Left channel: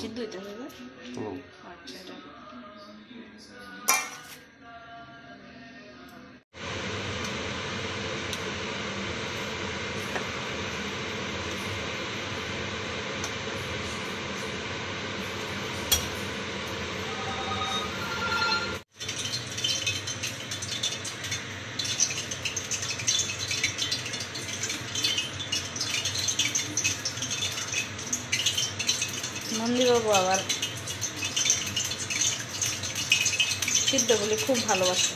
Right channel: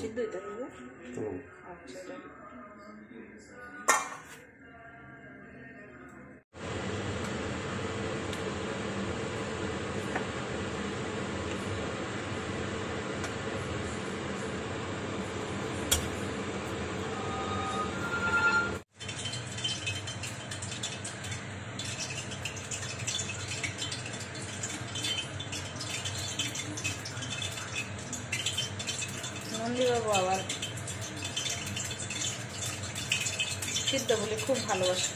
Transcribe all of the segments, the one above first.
সিদ্ধ হইতে হবে। আচ্ছা এটা নন্দীবাবু আবার সিদ্ধ বলে খুব ভালোবাসে।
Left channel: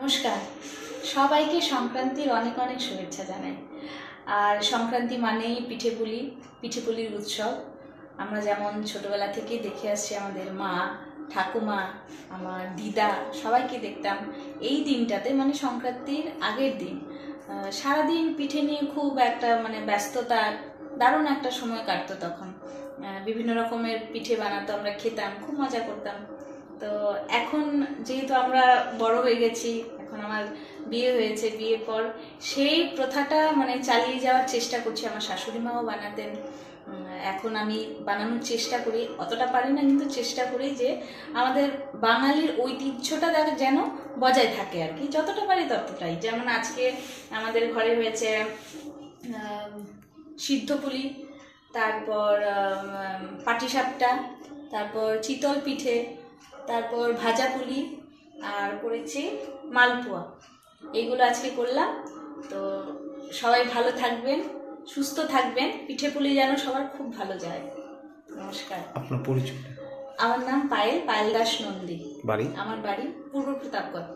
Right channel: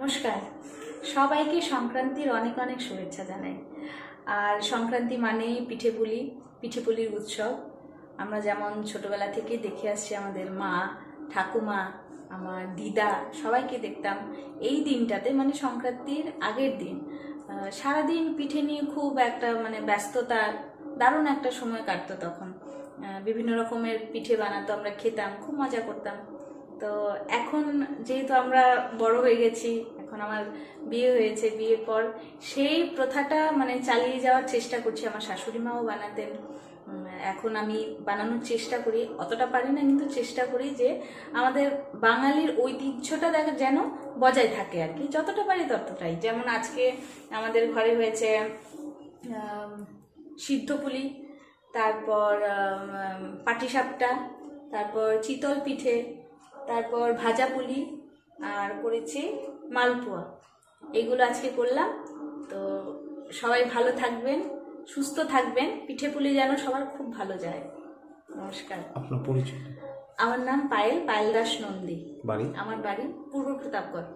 নমস্কার, সবাইকে সংক্রান্তির অনেক অনেক শুভেচ্ছা জানাই। আর সংক্রান্তি মানেই পিঠেপুলির উৎসব। আমরা যেমন ছোটবেলা থেকেই দেখে আসছি, আমাদের মা, ঠাকুমা, আমার দিদা সবাইকে দেখতাম এই দিনটাতে, মানে সংক্রান্তির আগের দিন সারাদিন পিঠে নিয়ে খুব একটা মানে ব্যস্ততা, দারুণ একটা সময় কাটতো। তখন বিভিন্ন রকমের পিঠে বানাতো, আমরা খেতাম, খুব মজা করতাম। তো এখন যেহেতু আমরা বড় হয়ে গেছি, এখন আমার বিয়ে হয়েছে, বিয়ের পর সেই প্রথাটা মানে চালিয়ে যাওয়ার চেষ্টা করছি। আমার শাশুড়ি মাও বানাতেন, এখন আমি বানানোর চেষ্টা করি, অতটা পারি না কিন্তু চেষ্টা করি যে আমাদের বাঙালির ঐতিহ্যটা যেন বজায় থাকে আর কি, যতটা পারি ততটাই। যেমন আজকে আমাদের ঘরে হয়েছে সিদ্ধ পুলি, তারপর পাটিসাপটা, তারপর চিতল পিঠে, তারপর ভাজা পুলি, আর করেছি মালপোয়া। এইগুলো আজকে করলাম। তো সবাই ভালো থাকবেন, সুস্থ থাকবেন, পিঠে পুলি যেন সবার খুব ভালো যায়। নমস্কার। আপনার পরিচয়? আমার নাম পায়েল দাস নন্দী। বাড়ি? আমার বাড়ি পূর্ব প্রতাপগড়।